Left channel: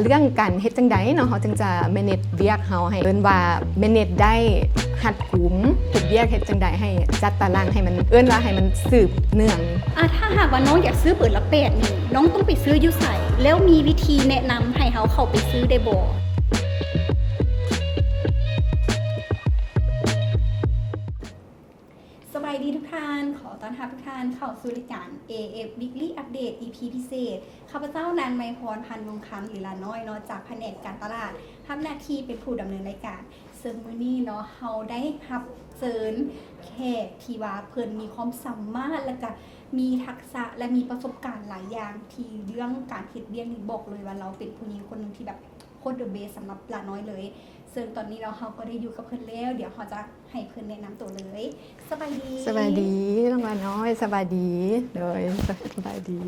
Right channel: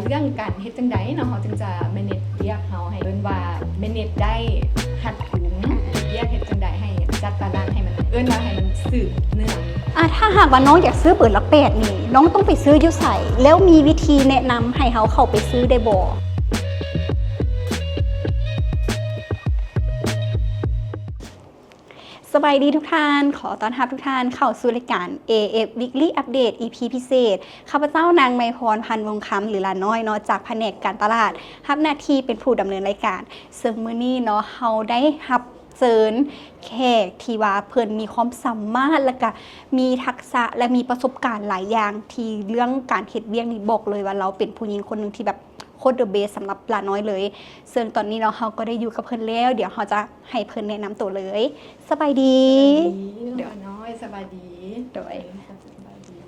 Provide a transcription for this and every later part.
แล้วเรื่องการเฮ็ดจังใดเนาะเขาจึงจะแมเนจเวียกเฮาให้เอิ้นว่าแมเนจได้หัดขุมเฮ็ดเวียกเฮ็ดจังใดให้จัดตารางให้มันเอิ้นว่าให้มันสืบเนื่องถ้าหากว่าน้องอยากซื้อเปิดละ8นี่น้องต้องไปซื้ออยู่ไสแล้วมีวิธีแนะนำให้เขาเข้าไปซื้อได้บ่สบายดีทุกท่านขอต้อนรับทุกท่านเข้าสู่รายการ AF Weekly Update EP พิเศษข้าพเจ้านางไมพรพันธ์วงคำหรือลาน้อยเนาะจากแผนกการตลาดรับหน้าที่เป็นผู้ดำเนินรายการซึ่งมื้อนี้เนาะเฮาได้รับเชิญแขกที่ว่าเพิ่นมีความสามารถและก็มีทักษะและมีประสบการณ์หลายอย่างที่เรื่องการเฮ็ดเวียกนี่บอกเลยว่าเราเป็นผู้หญิงคนนึงที่แบบโคตรเดอะเบสสำหรับปลาน้อยเลยซึ่งตอนนี้เราก็ได้อยู่กับเพิ่นแล้วเดี๋ยวเราจะให้เพิ่นแนะนำตัวเลยสบายดีสบายดีน้องปลาน้อยสบายดีโดยสบายดี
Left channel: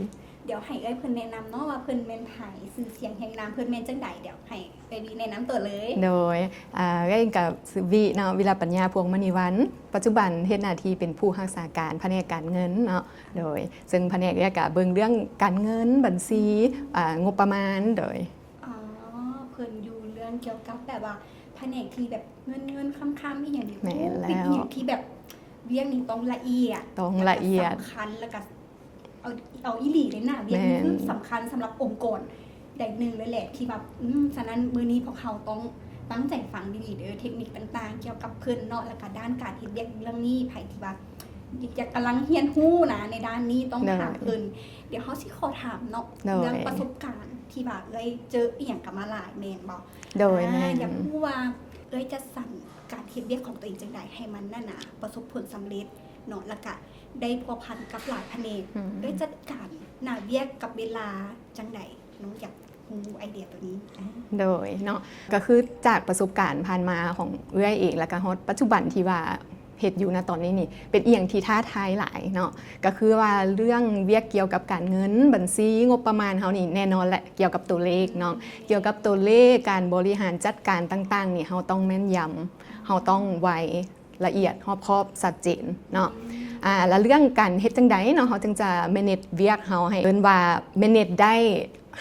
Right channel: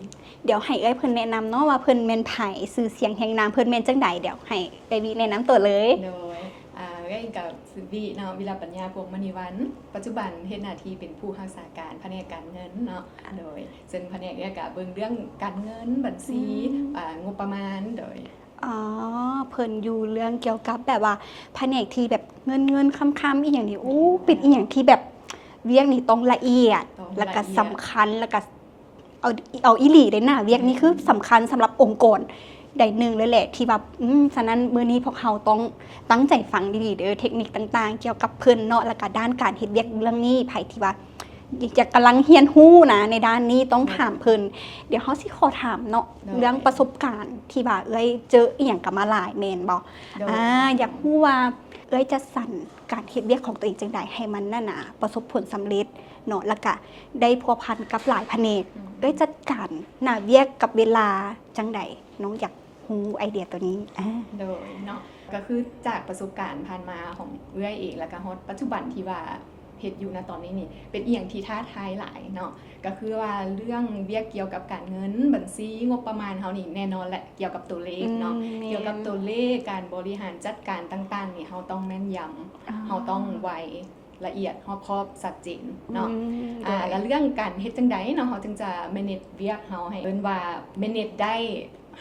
เดี๋ยวให้เพิ่นแนะนำเนาะว่าเพิ่นแม่นไผชื่อเสียงแห่งนามเพิ่นแม่นจังใดเดี๋ยวให้ไปวีแนะนำตัวเลยโดยก็กับวิเนาะวิลาปัญญาพวงมณีวรรณปัจจุบันเฮ็ดหน้าที่เป็นผู้รักษาการแผนกการเงินเนาะโดยซึ่งแผนกนี้ก็เบิ่งเรื่องการเงินบัญชีงบประมาณโดยเพิ่นอยู่เรื่องเกี่ยวกับแบบว่าแผนกที่แบบเงินคำๆอีหยังนี่เป็นอีหยังที่แบบเวียกนี่ต้องละเอียดแล้วก็สำคัญแล้วก็เอาอีหลีเลยนะเวียกนี่คือสำคัญสำหรับองค์กรใดหนึ่งเลยแหละที่แบบฉะนั้นมื้อนี้พวกเขาต้องตั้งใจฟังดีๆเด้อเทคนิคต่างๆเกี่ยวกับเพิ่นเนาะแล้วก็ด้านการเฮ็ดเวียกเรื่องนี้ไผที่ว่าจะกำลังเฮียนฮู้นะในด้านนี้ต้องถามเพิ่นเดี๋ยวเขาสิขอถามเนาะเรื่องประสบการณ์ที่ว่าเจออีหยังกับมาหลายแม่นบ่อยากฮู้ว่าจะสั่นการเฮ็ดเวียกของตัวเองจังได๋ให้มันนั่นน่ะประสบผลสำเร็จเนาะแล้วก็ได้พัวพันกับหลายแผนกจัดการหน้าเวียกกับเวลาจังได๋น้องอยากฮู้ไอเดียตัวนี้โดยเนาะก็คือจากประสบการณ์ผ่านมาของเอื้อยเองแล้วก็ฮอดปัจจุบันที่ว่าเฮ็ดอยู่นะตอนนี้นี่เป็นอีหยังที่ท้าทายหลายเนาะก็คือว่าเรื่องเวียกเกี่ยวกับการเงินบัญชีงบประมาณเฮานี่แน่นอนแหละเกี่ยวกับตัวเลขเนาะเกี่ยวกับตัวเลขการบริหารจัดการต่างๆนี่เฮาต้องแม่นยำเฮาต้องไวละเอียดรอบคอบชัดเจนเนาะแล้วเรื่องการเฮ็ดจังไดเนาะเฮาจึงจะ manage เวียกเฮาให้เอิ้นว่า manage ได้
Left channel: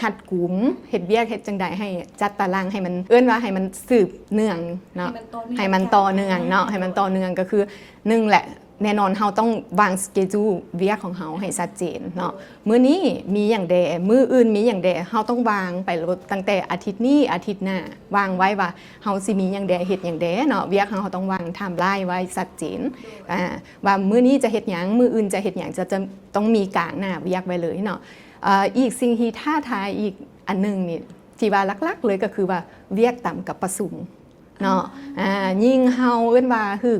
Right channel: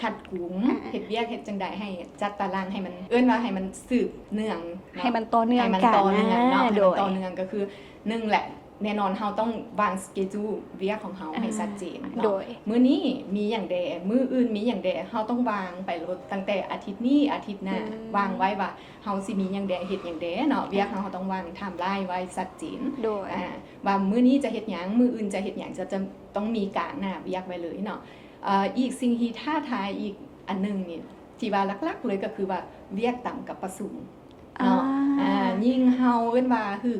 หัดกุมเฮ็ดเวียกเฮ็ดจังใดให้จัดตารางให้มันเอิ้นว่าให้มันสืบเนื่องเนาะให้มันต่อเนื่องให้มันต่อเนื่องเนาะให้มันต่อเนื่องก็คือ1แหละแน่นอนเฮาต้องวางสเกจูเวียกของเฮาให้ชัดเจนเนาะมื้อนี้มีหยังใดมื้ออื่นมีหยังใดเฮาต้องวางไปตั้งแต่อาทิตย์นี้อาทิตย์หน้าวางไว้ว่าเฮาสิมีหยังใดเฮ็ดหยังใดเนาะเวียกเฮาต้องวางไทม์ไลน์ไว้ชัดเจนว่ามื้อนี้จะเฮ็ดหยังมื้ออื่นจะเฮ็ดหยังจะต้องมีกลางหน้าเวียกไว้เลยเนาะอีกสิ่งที่ท้าทายอีกอันนึงนี่ที่ว่าลักๆเลยก็คือว่าเวียกต่ำกับประสุมเนาะยิ่งเฮาเอิ้นว่าคือ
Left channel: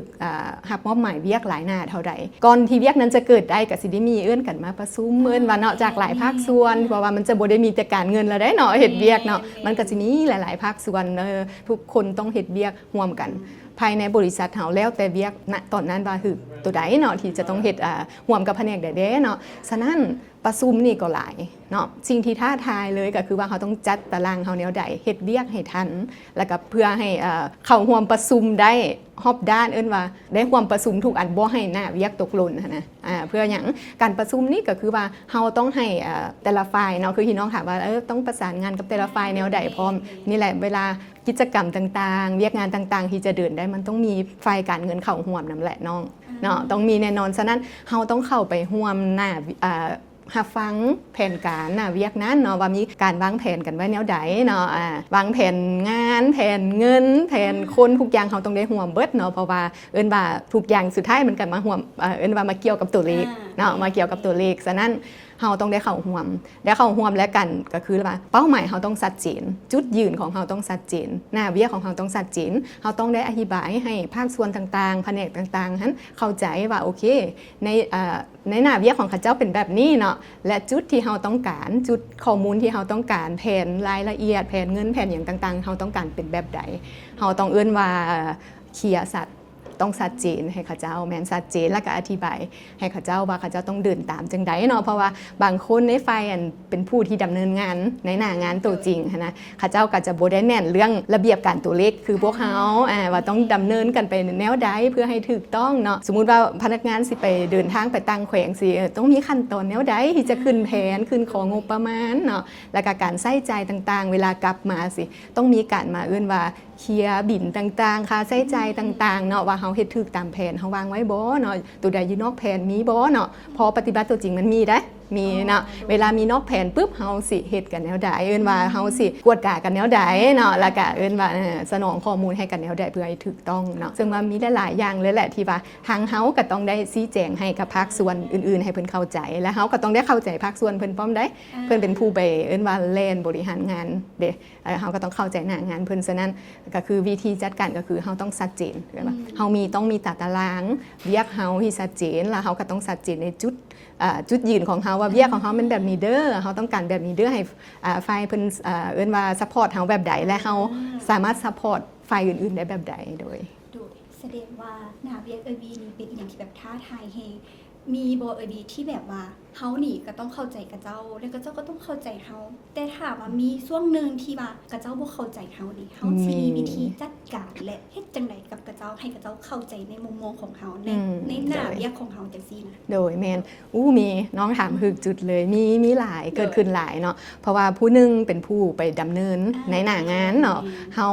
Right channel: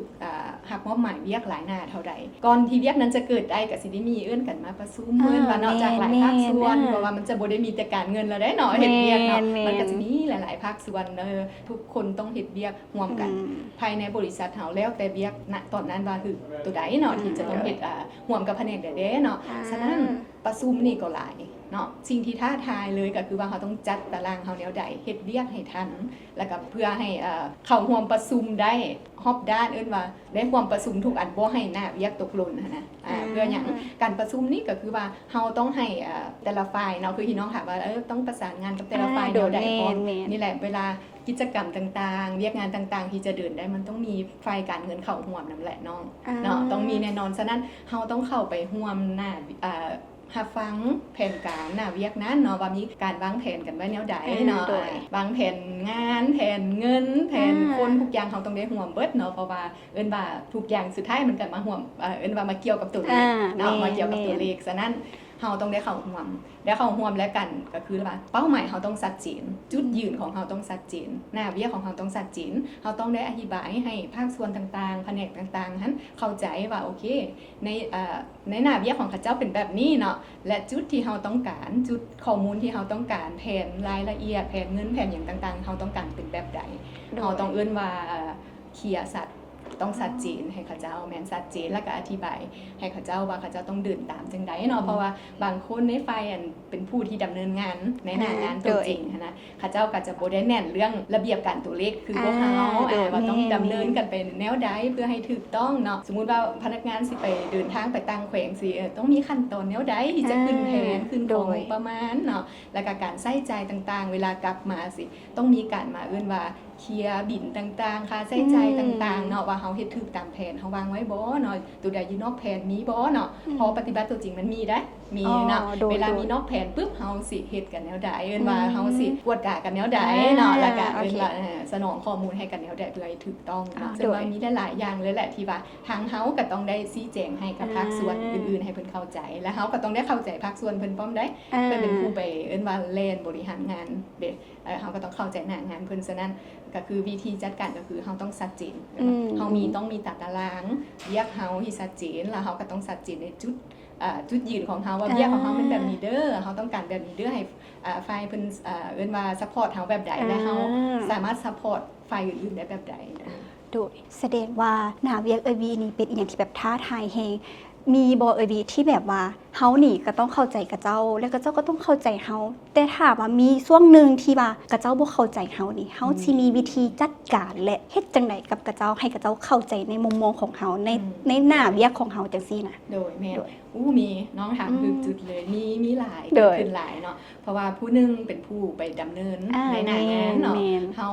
หักว่าหมายเวียกหลายหน้าเท่าใดก่อนที่เวียกนั้นจะเกิดได้ก็สิได้มีเอิ้นกันมาประชุมเอิ้นว่าเนาะจากหลายภาคส่วนเพราะว่ามันจะบ่ได้มีแต่การเงินแล้วได้เนาะเฮ็ดเวียกเนาะมันก็สิมีหลายๆภาคส่วนทุกคนต้องเฮ็ดเวียกร่วมกันภายในบริษัทเฮาแล้วแต่เวียกณตอนนั้นว่าคือตัวใดเนาะที่จะต้องเฮ็ดร่วมกับแผนกใดๆเนาะฉะนั้นประชุมนี่ก็หลายเนาะสิ่งที่ท้าทายเลยก็คือว่าเขาต้องจัดตารางเขาแนวใดเฮ็ดเวียกให้ทันแล้วก็เพื่อให้เข้าร่วมประชุมได้รอบด้านเอิ้นว่าได้ความประชุมทุกอันบ่ให้หน้าเวียกตกหล่นนะเพื่อหยังการประชุมนี่ก็คือว่าเฮาต้องให้แต่ละฝ่ายเนาะคือพี่น้องถามว่าต้องประสานงานกับแต่ละฝ่ายแนวใดพร้อมนี่แหละเวลากิจกรรมต่างๆเวียกงานต่างๆที่จะเดินได้มันต้องมีฝ่ายการเงินเข้าร่วมนำแหละน้องเนาะต้องมีแน่นอนฉะนั้นเฮาต้องเข้าไปร่วมหน้าหับฟังแผนการเวียกนั้นเนาะว่ามีการวางแผนกันไว้แนวใดเนาะวางแผนงานแผนเงินแผนคนทุกอย่างเขาต้องได้ร่วมเบิดเนาะเพราะว่าเอิ้นว่าทุกอย่างสุดท้ายมันกันมาร่วมเอิ้นว่ามาเกี่ยวกับตัวเลขเนาะมาเกี่ยวกับตัวเลขฉะนั้นเฮาต้องได้เข้าร่วมแล้วกันก็คือว่าเป้าหมายเฮาต้องชัดเจนจุดยืนของเฮาต้องชัดเจนหน้าเวียกของเฮาต้องชัดเจนเฮาต้องได้อธิบายให้ภาคส่วนต่างๆแผนกต่างๆนั้นเข้าใจว่าโอเคในหน้าเวียกของข้าเจ้าเป็นแบบนี้เนาะและจุดที่เฮาต้องการจุดข้อมูลที่เฮาต้องการแผนรายละเอียดแผนเงินแผนอย่างต่างๆเฮาต้องการเป็นแบบใดเฮาต้องเอิ้นว่าเคลียร์สัตว์ ต้องชัดเจนให้เขาเจ้าแม่นชัดเจนแล้วก็อธิบายให้เขาเจ้าว่าเขาเจ้าต้องเดินตามจังไดเนาะเพราะว่าบางคนในฝ่ายอันเป็นผู้ที่ดำเนินงานในหน้างานตัวจริงนะเขาเจ้าก็จะบ่ได้แน่นเรื่องระเบียบการตัวเลขคือพวกเขาว่าต้องดำเนินกันไปแนวใดเพื่อให้ถูกต้องเนาะสมมุติว่าพนักงานสิไปเดินทางไปต่างแขวงสิต้องมีขั้นตอนแนวใดที่จะขึ้นแผนขึ้นของงบประมาณเนาะแล้วก็การใช้จ่ายต่างๆเวลากลับมาสิต้องมีการมาว่าเคลียร์บินต่างๆค่าใช้จ่ายต่างๆเนาะว่าเฮาเฮ็ดถูกตามแผนเฮาวางไว้บ่เนาะตัวใดอยู่นอกแผนมีบ่เนาะพอปฏิบัติตัวจริงมันมีได้มีเนาะเวลามีนอกแผนปุ๊บเฮาสิเฮ็ดกันแนวใดว่าเฮาสิกวดกะกันแนวใดเนาะแล้วก็ว่าสนองข้อมูลให้กันแนวใดเพื่อให้ถูกต้องเนาะซึ่งว่ามีหลายๆอย่างเลยแหละที่ว่าทางเฮาก็ต้องได้ชี้แจงให้กับภาคส่วนอื่นๆให้เพิ่นเข้าใจและเฮาก็ต้องได้เข้าใจภาคส่วนเพิ่นพร้อมได้เพิ่นเป็นผู้ไปว่าเล่นบริหารงานเด้เฮาก็ต้องเข้าใจหน้างานเพิ่นฉะนั้นก็คือวิธีจัดการก็คือเฮาต้องชัดเจนเฮามีต้องมีตารางเรียกเฮาที่ชัดเจนแล้วเฮาก็ต้องชัดเจนในจุดยืนของเฮาว่าเบี้ยของเฮาเป็นแบบนี้เด้อเฮาต้องการแบบนี้เด้อให้ฝ่ายเพิ่นว่าซัพพอร์ตเฮาแบบใดและเฮาสามารถซัพพอร์ตฝ่ายอื่นๆได้แบบใดโดยแสดงว่าหน้าเวียกนี่เป็นอย่างที่แบบท้าทายแฮงมีบ่ที่แบบว่าเฮานี่ก็ต้องเข้าใจกับเจ้าแล้วก็เจ้าก็ต้องเข้าใจเฮาแต่ถ้าว่ามีช่วงนึงที่ว่ากระเจ้าบ่เข้าใจเฮานี่เฮาสิมีวิธีจัดการและเฮ็ดจังไดกับกระเจ้าให้กระเจ้าเข้าใจในมุมมองของเฮาในหน้าเวียกของเฮาจังซี่นะโดยแม่นมีน้องถามคือจุดเลยมีหลายเกิดขึ้นหลายเนาะเพราะว่าผู้นึงเป็นผู้ไปดำเนินในหน้างานเนาะเฮา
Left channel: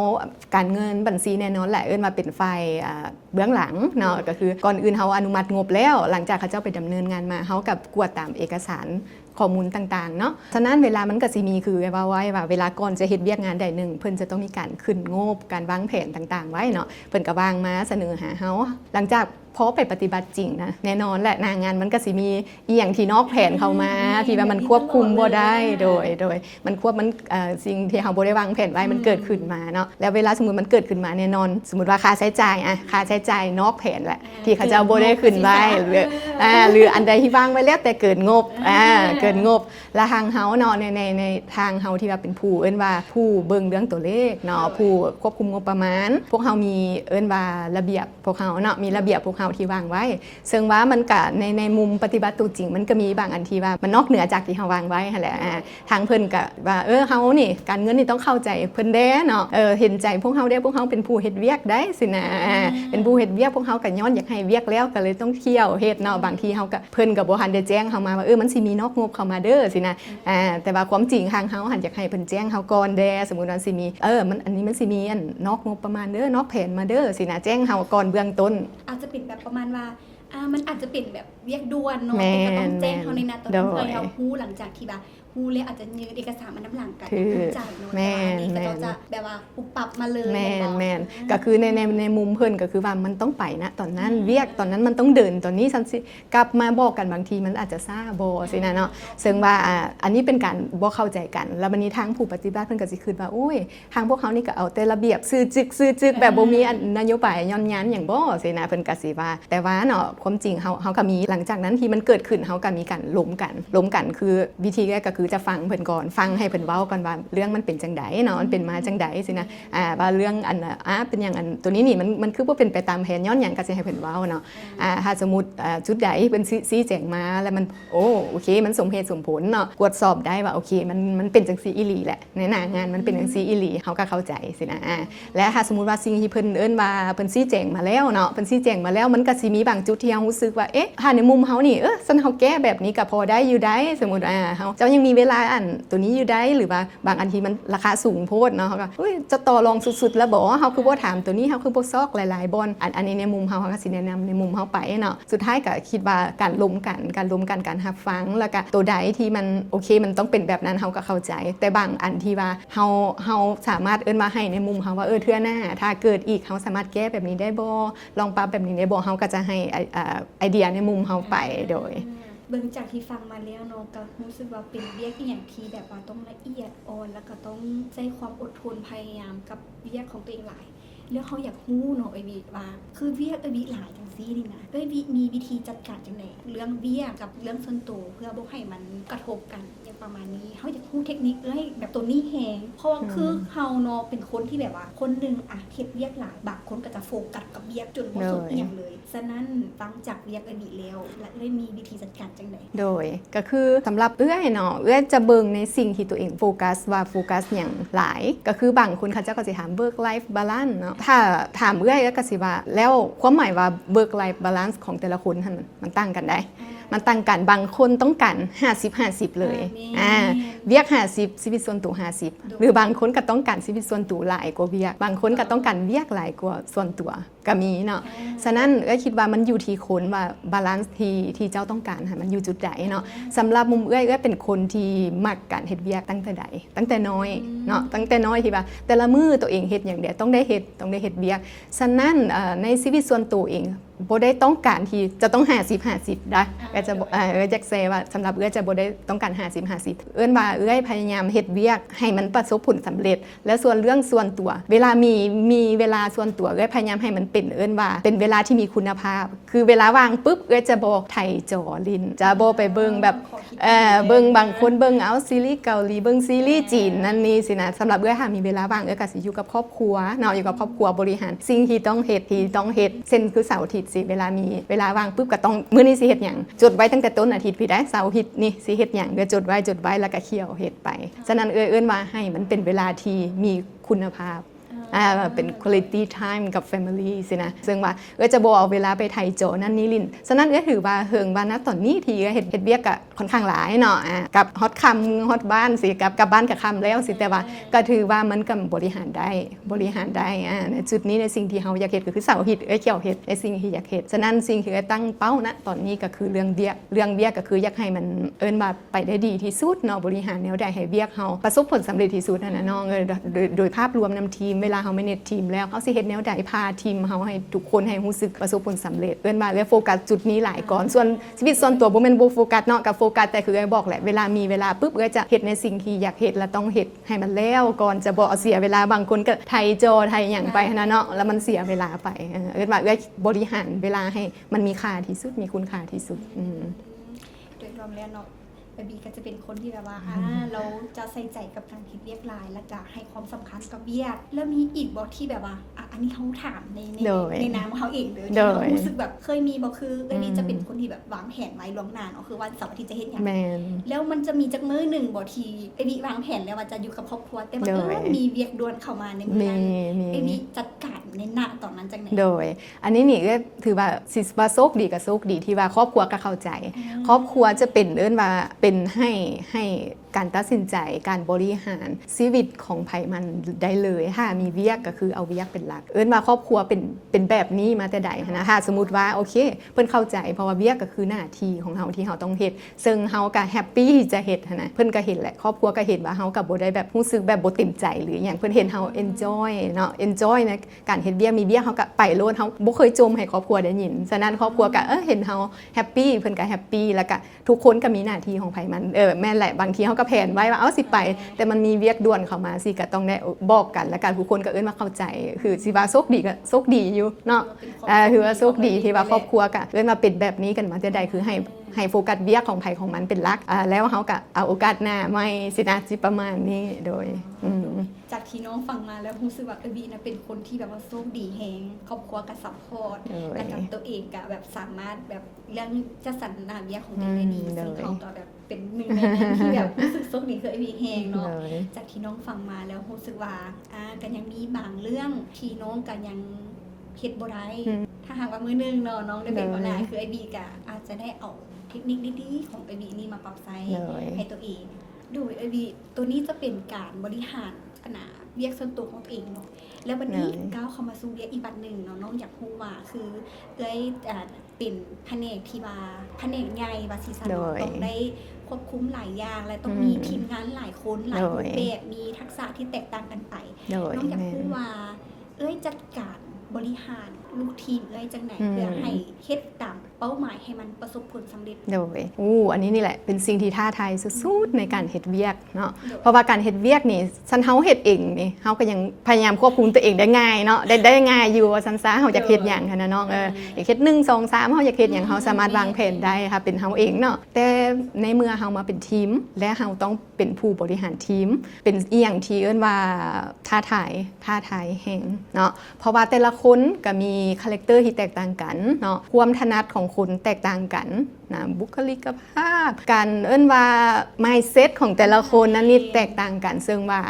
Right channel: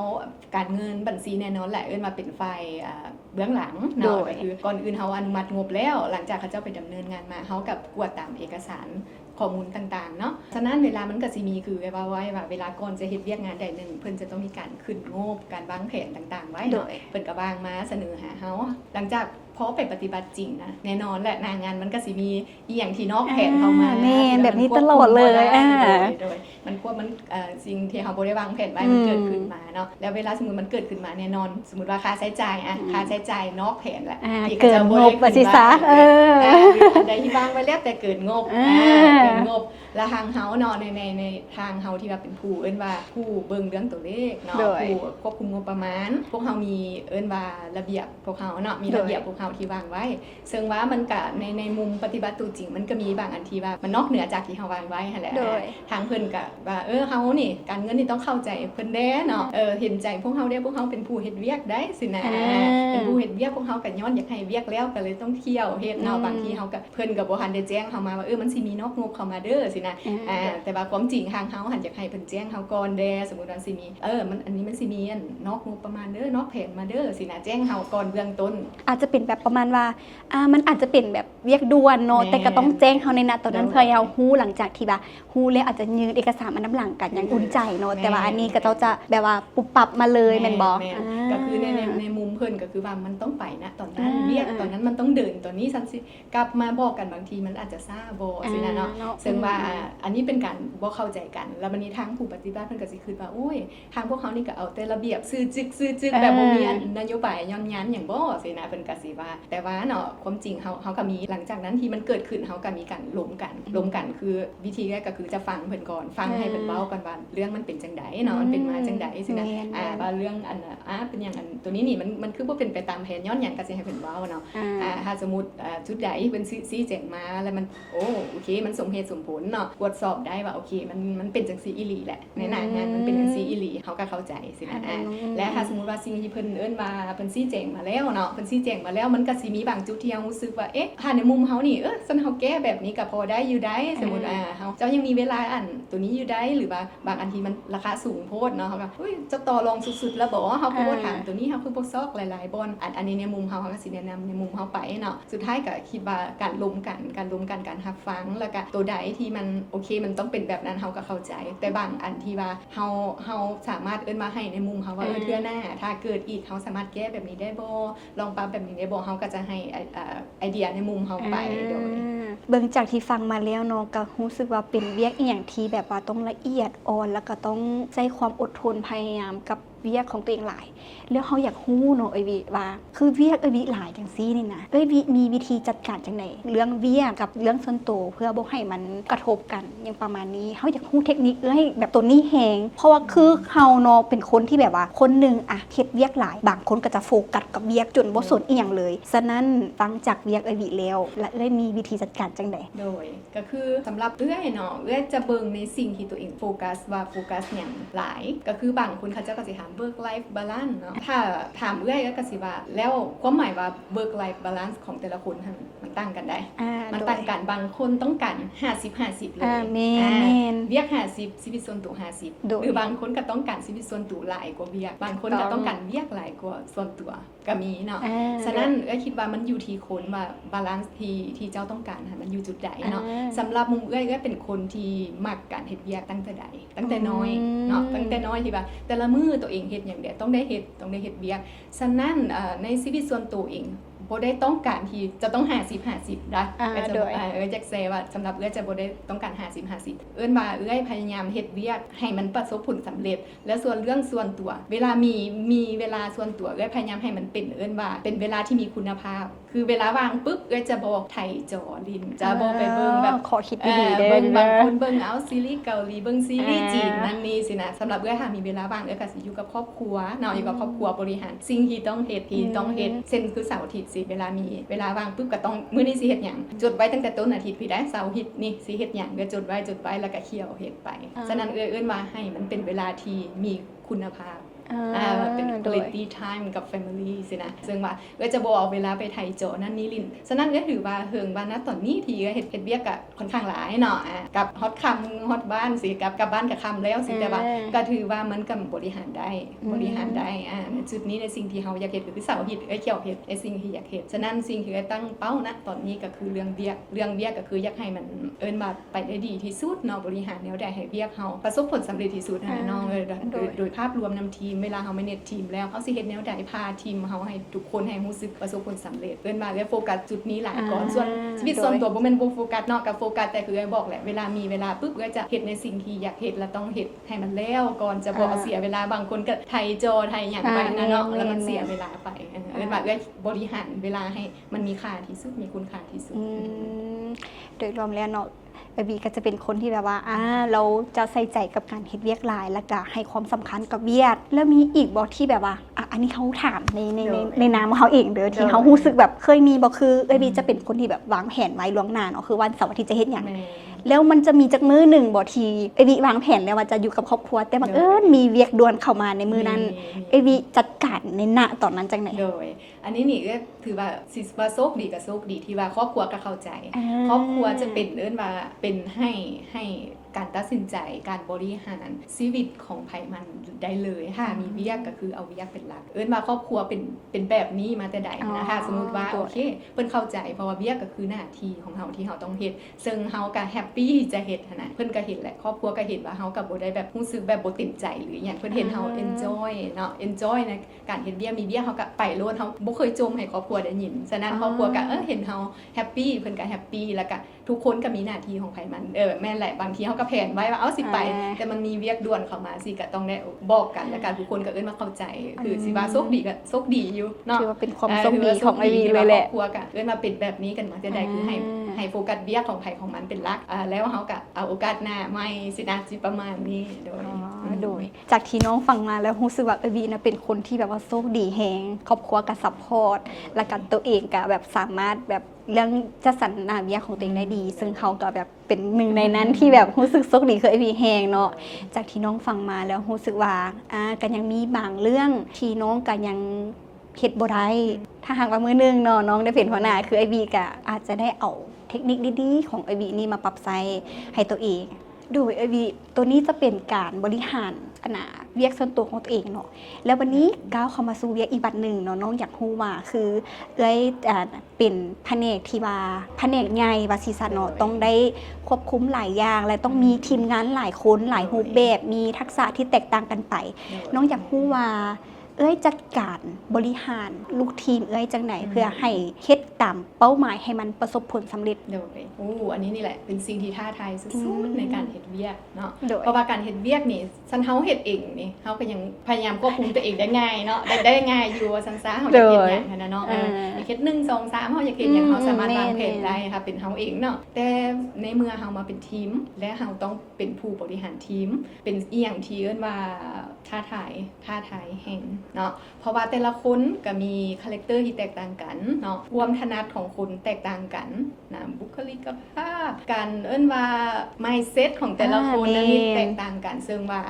การเงินบัญชีแน่นอนแหละมาเป็นฝ่ายเบื้องหลังเนาะก็คือก่อนอื่นเฮาอนุมัติงบแล้วหลังจากเขาเจ้าไปดำเนินงานมาเฮากับกวดตามเอกสารข้อมูลต่างๆเนาะฉะนั้นเวลามันก็สิมีคือว่าไว้ว่าเวลาก่อนจะเฮ็ดเวียกงานใดหนึ่งเพิ่นจะต้องมีการขึ้นงบการวางแผนต่างๆไว้เนาะเพิ่นก็วางมาเสนอหาเฮาหลังจากพอไปปฏิบัติจริงนะแน่นอนแหละหน้างานมันก็สิมีอีหยังที่นอกแผนเข้ามาที่ว่ามันควบคุมบ่ได้โดยมันควบมันสิ่งที่เฮาบ่ได้วางแผนไว้มันเกิดขึ้นมาเนาะแล้วเวลาสมมุติมันเกิดขึ้นมาแน่นอนสมมุติว่าค่าใช้จ่ายค่าใช้จ่ายนอกแผนแหละที่เขาจะบ่ได้ขึ้นไว้หรืออันใดที่วางไว้แล้วแต่เกินงบเกินงบและทางเฮาเนาะในทางเฮาที่ว่าเป็นผู้ว่าผู้เบิ่งเรื่องตัวเลขเนาะผู้ควบคุมงบประมาณพวกเฮามีว่าระเบียบพวกเฮาเนาะมีระเบียบพวกเฮาที่วางไว้ซึ่งว่ามันก็ในมุมปฏิบัติตัวจริงมันก็มีบางอันที่ว่ามันนอกเหนือจากที่เฮาวางไว้หั่นแหละทางเพิ่นก็ว่าเฮานี่การเงินนี่ต้องเข้าใจเพิ่นเด้เนาะเห็นใจพวกเฮาเด้พวกเฮาเป็นผู้เฮ็ดเวียกได้สินะเป็นผู้เฮ็ดเวียกพวกเฮาก็ย้อนอยากให้เวียกแล้วก็เลยต้องเที่ยวเฮ็ดเนาะบางทีเฮาก็เพิ่นก็บ่ทันได้แจ้งเฮามาว่ามันสิมีนอกงบเข้ามาเด้อสินะแต่ว่าความจริงทางเฮาหันอยากให้เพิ่นแจ้งเฮาก่อนเด้สมมุติว่าสิมีมันอันนี้มันสิมีอันนอกงบประมาณเด้อนอกแผนมาเด้อสินะแจ้งเฮาก่อนเบื้องต้นอาจจะเป็นแบบประมาณว่ามันอาจจะเป็นแบบเวียกด่วนเนาะแต่ก็ต้องแจ้งเขาในนัดตอนนั้นเพื่อให้เขาฮู้หลังจากที่ว่าฮู้แล้วอาจจะยืนเอกสารมาน้ำหลังกันอย่างอุ่นใจเนาะแต่ว่าอันนี้ก็ต้องจะแบบว่าปุบปับมาเลยแม่นบ่ก็คือในมุมเพิ่นก็คือว่ามันต้องไปนะตอนนั้นเวียกตอนนั้นมันต้องเดินตอนนี้ซันสิกลับมาบอกกันบางทีมันอาจจะซ่าบ่สินะเนาะซึ่งว่าอันนี้เป็นการบ่เข้าใจกันแล้วบัดนี้ทางผู้ปฏิบัติเพิ่นก็สิคิดว่าโอ้ยทางพวกเขานี่ก็เอาแต่ระเบียบซื่อจึกแบบบ่มีนโยบายย้อนยันหยังบ่สินะเพิ่นก็สิว่าแต่ว่าเนาะความจริงเฮาก็มีหลังจากนั้นที่มันเกิดขึ้นเฮาก็มีการล้มกันคือวิธีแรกก็คือจะฟังเพิ่นก่อนฟังให้เพิ่นเว้ากันว่าเรื่องมันเป็นจังไดเนาะมันเป็นมาจังไดสินะว่าเรื่องอันเป็นอย่างอันตัวนี้นี่มันคือบ่เป็นไปตามแผนย้อนหยังก็สิให้เพิ่นเว้าเนาะถ้าสมมุติจุดใดเพิ่นชี้แจงมาแล้วมันโอเคมันสมเหตุสมผลเนาะตรวจสอบได้ว่าโอเคมันเป็นจังซี่อีหลีแหละในหน้างานมันเป็นจังซี่อีหลีเฮาก็เข้าใจสินะและถ้าสมมุติว่าสิ่งที่เพิ่นว่าเพิ่นชี้แจงมาแล้วเนาะเพิ่นชี้แจงมาแล้วมันก็สิมีบางจุดที่เฮารู้สึกว่าถ้าในมุมเฮานี่ซั่นเฮาแก้แบบนี้ก็พอได้อยู่ได้สมมุติเฮาเจ้ายังมีเวลาอันตัวนี้อยู่ได้หรือว่าบางอันที่มันราคาสูงโพดเนาะเฮาก็จะต่อรองสุดๆแล้วบ่เฮาคือบ่ถามตัวนี้เฮาคือบ่ซอกหลายๆบอนอันนี้ในมุมเฮาก็สิแนะนำในมุมเฮาไปเนาะสุดท้ายก็คิดว่าการล้มกันการรับฟังแล้วก็ตัวใดที่มันโอเคมันต้องเป็นแบบนั้นเฮาก็เข้าใจแต่บางอันที่ว่าเฮาสามารถมาให้ในมุมเฮาว่าเทื่อหน้าถ้าเกิดอีกเฮาสามารถแก้แบบนี้ได้บ่ลองปรับแบบนี้ได้บ่เฮาก็จะให้ไอเดียในมุมเฮาไปโดย เบิ่งจากที่ฟังมาแล้วเนาะก็รู้สึกว่าเป็นเวียกอีหยังที่แบบว่าต้องละเอียดอ่อนแล้วก็ต้องใช้ความอดทนพยายามกับเวียกของตัวเองหลายแล้วเขาอยากฮู้เนาะไอวิว่าคือเวียกไอวิหลายจังซี่นี่นะไอวิมีวิธีจัดการจังได๋เรื่องเวียกกับเรื่องส่วนตัวเพื่อบ่ให้มันกระทบกันอย่างประมาณนี้เขาอยากฮู้เทคนิคให้แบบตัวนี้แฮงเพราะว่าคือเฮาเนาะเป็นคนที่แบบว่าคนนึงอะเฮ็ดเวียกหลายบางคนก็จะโฟกัสกับเวียกจนบ่สนอีหยังเลยฉะนั้นฟังจากเวียกไอวิแล้วและได้มีวิธีจัดการจังได๋โดยก็คือสำหรับเนาะจะเบิ่งในสิ่งที่ตัวเองโฟกัสว่าโฟกัสอย่างหลายก็คือบางคนเขาเจ้าก็สิถาม work life balance เนาะถ้าถามก็สิว่าแล้วความหมายว่า work life balance ของแต่ละคนมันต่างกันได้มันต่างกันบางคนต้องการ50-50 เลยเวียก50ชีวิตส่วนตัว50หรือบางคนก็ต้องการชีวิตส่วนตัวหลายกว่าเวียกบางคนก็ต้องการเวียกหลายกว่าส่วนตัวก็มีเนาะฉะนั้นคิดว่ามันอยู่ที่คนว่าบาลานซ์ที่เจ้าต้องการมันอยู่จุดใดเนาะสำหรับมุมเป็นคนที่มักการเฮ็ดเวียกตั้งแต่ใดตั้งแต่น้อยเนาะตั้งแต่น้อยที่ว่าแต่ละมื้อตัวเองเฮ็ดอย่างเดียวต้องได้เฮ็ดเวียกฉะนั้นในชีวิตส่วนตัวเองบ่ได้ต้องการที่จะต้อง50-50ได้ก็จะจักเซว่าสำหรับจะบ่ได้ต้องการ50-50ว่าพยายามเฮ็ดเวียกให้มันประสบผลสำเร็จและส่วนเรื่องส่วนตัวเวลามีเวลาส่วนตัวพยายามให้มันเป็นว่าเป็นเวลาที่มีคุณภาพคือเวลาว่างปุ๊บจะบ่ไถจอลิ้นจะบ่ไปเบิ่งแบบเบิ่งบางคนเบิ่งเอาซีรีส์เกาหลีเบิ่งซีรีส์จีนนั่นนี่สินะสำหรับถ้ามีเวลาว่างก็สิอยู่กับครอบครัวเนาะอยู่กับครอบครัวบริหารสิ่งที่ต้องเฮ็ดเช่นคือเสาร์อาทิตย์สิเวลามีเวลาว่างปุ๊บก็ต้องมื้อนี้สิเฮ็ดหยังจดไว้ตั้งแต่ต้นอาทิตย์พี่ได้เสาร์อาทิตย์นี่สิเฮ็ดหยังก็จดไว้แล้วก็เคี่ยวเฮ็ดไปฉะนั้นว่าให้มันเป็นเวลาที่มีคุณภาพเป็น quality time กับ family สินะซึ่งว่าจะบ่เอาเวลาไปไถโจนั่นนี่ลินฉะนั้นถือว่าเฮิงว่าณตอนนี้ที่เฮ็ดเวียกก็ค่อนข้างหลายเนาะกับฮอตค่ำฮอตบ้านสิกับบ้านกับค่ำแล้วสิแต่ว่าก็ถือว่ามันก็บริหารได้จุดนี้ในสิ่งที่เฮาอยากเฮ็ดก็คือเสาร์อาทิตย์เกี่ยวเฮ็ดในสิ่งที่อยากเฮ็ดฉะนั้นสิ่งที่ตั้งเป้าณตอนนี้ก็คือเรื่องเวียกก็คืออยากให้มันว่าไปได้ดีที่สุดเนาะบริหารแนวใดให้เวียกเฮาประสบผลสำเร็จที่สุดนั่นน่ะเนาะโดยภาพรวมนำทีมเวลาเฮาmanageทีมแล้วเฮาสิเฮ็ดแนวใดพาทีมเฮาให้ทุกคนให้รู้สึกประสบผลสำเร็จว่าโฟกัสจุดนี้หลายก่อนส่วนชีวิตส่วนตัวบ่แม่นบ่โฟกัสเนาะกับโฟกัสแต่คือบอกแหละเวลามีเวลาปุ๊บจะเฮ็ดในสิ่งที่อยากเฮ็ดและต้องเฮ็ดให้มันแล้วก่อนจะบ่เสียเวลาบางคนก็ไถจอไถหยังไปนะเนาะแล้วมันเสียเวลาไปว่าบริหารเวลาให้มันมีค่าที่สุดมีคุณค่าที่สุดโดยรวมแล้วเนาะบีก็จะเป็นคนที่แบบว่าเราจะใส่ใจกับการเฮ็ดเวียกหลายแล้วก็ให้ความสำคัญกับเวียกแล้วมีอีกบ่ที่แบบว่าอันนี้เขาถามในนามเขาเองเด้อที่เขารู้สึกแบบเคยมีบ่คือบีจะเป็นคนที่แบบวางแผนไว้ล่วงหน้าเนาะคือวันเสาร์อาทิตย์จะเฮ็ดหยังแล้วมันจะมีจักมื้อนึงบ่ที่บีวางแผนแล้วว่าจะอยู่กับครอบครัวแต่บังเอิญมีเวียกด่วนเข้ามาในมื้อนั้นบีจัดการในณตอนนั้นจังได๋โดยอันนี้นี่ก็ถือว่าสิว่าโชคดีก็โชคดีที่ว่าครอบครัวก็เข้าใจครอบครัวจะเป็นว่าเป็นให้การตัดสินใจการบริหารชีวิตของไผมันได้เลยมีเวียกก็คือเอาเวียกเป็นหลักว่าครอบครัวเป็นแบบนี้มาแต่ใดนะสมมุติว่าโอเคเพิ่นเข้าใจเพราะว่าเวียกก็คือหน้าที่ของเฮาที่เฮาต้องเฮ็ดซึ่งเฮาก็แฮปปี้ที่จะเฮ็ดนะเพิ่นก็เห็นแหละครอบครัวก็เห็นว่าเฮาก็บ่ได้แบบรู้สึกแบบบ่เต็มใจหรือหยังเพิ่นเห็นเฮา enjoy เนาะ enjoy ในการเฮ็ดเวียกมีเวียกเฮาก็ไปโลดเฮาบ่เคยจมให้ครอบครัวได้ยินฉะนั้นครอบครัวก็เห็นเฮาแฮปปี้เพิ่นก็แฮปปี้แล้วก็ทุกคนก็มีหน้าที่ของไผมันแม่นแหละบางทีเฮาก็แผนไว้ว่าสิไปแต่มันมีเวียกด่วนเข้ามาสิก็ต้องได้บอกกันแล้วกันทุกคนก็มาเข้าใจคือสิว่าโชคดีก็โชคดีอยู่เนาะถือว่าโชคดีที่ว่าครอบครัวก็มาเป็นแบบนี้กันมาแต่ใดคือให้โฟกัสเวียกของไผของมันเป็นหลักแล้วเฮาก็เอาโอกาสหน้าไม่สินะสิประมาณนี้โดยจากที่น้องฟังมาแล้วรู้สึกว่าวีนะเป็นคนที่แบบว่าโชคดีแฮงครอบครัวก็ซัพพอร์ตและกันตัวเองก็แบบสามารถแบบเรื่องจะสรรหาเวียกของตัวเองได้ดีซึ่งเขาก็แบบเป็นหนึ่งในนั้นที่แบบรู้สึกโชคดีคือวีแฮงเนาะจากที่น้องฟังมาแล้วรู้สึกว่ากันยังมีบางเรื่องที่น้องกันยังเฮ็ดบ่ได้ถ้าหากว่ามื้อนึงเนาะน้องได้เป็นหัวหน้าคือวีก็อาจจะได้เอาเทคนิคดีๆของวีนี่มาปรับใช้ให้ตัวเองโดยวีตัวนี้จะเป็นการบริหารเวียกส่วนตัวของตัวเองเนาะแล้ววันนี้ก้าวเข้ามาสู่เวียกอีกบัดหนึ่งเนาะน้องอยากรู้ว่าคือเป็นแผนกที่ว่าแผนกใหญ่ว่าซีซันเนาะต้องได้ควบคุมหลายอย่างและต้องมีทีมงานหลายคนหลายรูปแบบมีทักษะที่แตกต่างกันไปน้องอยากรู้ว่า เอ้ยจัดการบริหารลูกทีมเอ้ยจังไหนเพื่อให้เฮ็ดตามเป้าหมายให้มันประสบผลสำเร็จโดยอันนี้นี่แหละเป็นสิ่งที่ท้าทายสุดๆในการเฮ็ดเวียกเนาะ โดย เพราะว่าการเฮ็ดเวียกนี่ซันเฮาเฮ็ดเองนี่เฮาก็ยังพยายามควบคุมตัวเองได้ง่ายเนาะได้ง่ายอยู่ว่าซันซาเฮาอยากเฮ็ดหยังหันน่ะเนาะอยากเฮ็ด1 2 3เฮาอยากเฮ็ดหยังเฮาสามารถวางแผนได้ค่ะเป็นเฮาเองเนาะแต่ในเมื่อเฮามาเป็นทีมและเฮาต้องเป็นผู้บริหารทีมเป็นอีหยังที่เอิ้นว่าท้าทายแห่งเนาะเพราะว่าแต่ละคนก็มีคาแรคเตอร์ที่แตกต่างกันเนาะความถนัดของคนแตกต่างกันนะบุคลิกภาพการเอิ้นว่า mindset ของแต่ละคนนั้นนี่แตกต่างกันซึ่งว่า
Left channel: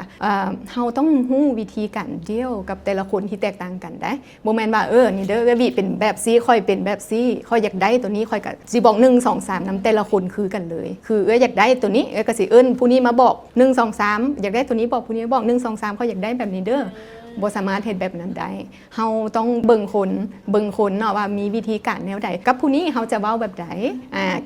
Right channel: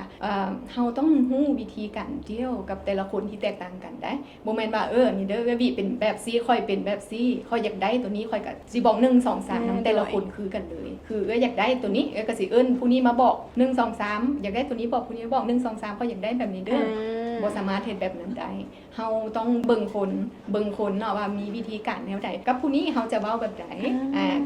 เฮาต้องรู้วิธีการเดียวกับแต่ละคนที่แตกต่างกันได้บ่แม่นว่านี่เด้อวิเป็นแบบซี่ค่อยเป็นแบบซี่ค่อยอยากได้ตัวนี้ค่อยก็สิบอก1 2 3นำแต่ละคนคือกันเลยคืออยากได้ตัวนี้ก็สิเอิ้นผู้นี้มาบอก1 2 3อยากได้ตัวนี้บอกผู้นี้บอก1 2 3ค่อยอยากได้แบบนี้เด้อบ่สามารถเฮ็ดแบบนั้นได้เฮาต้องเบิ่งคนเนาะว่ามีวิธีการแนวใดกับผู้นี้เฮาจะเว้าแบบใด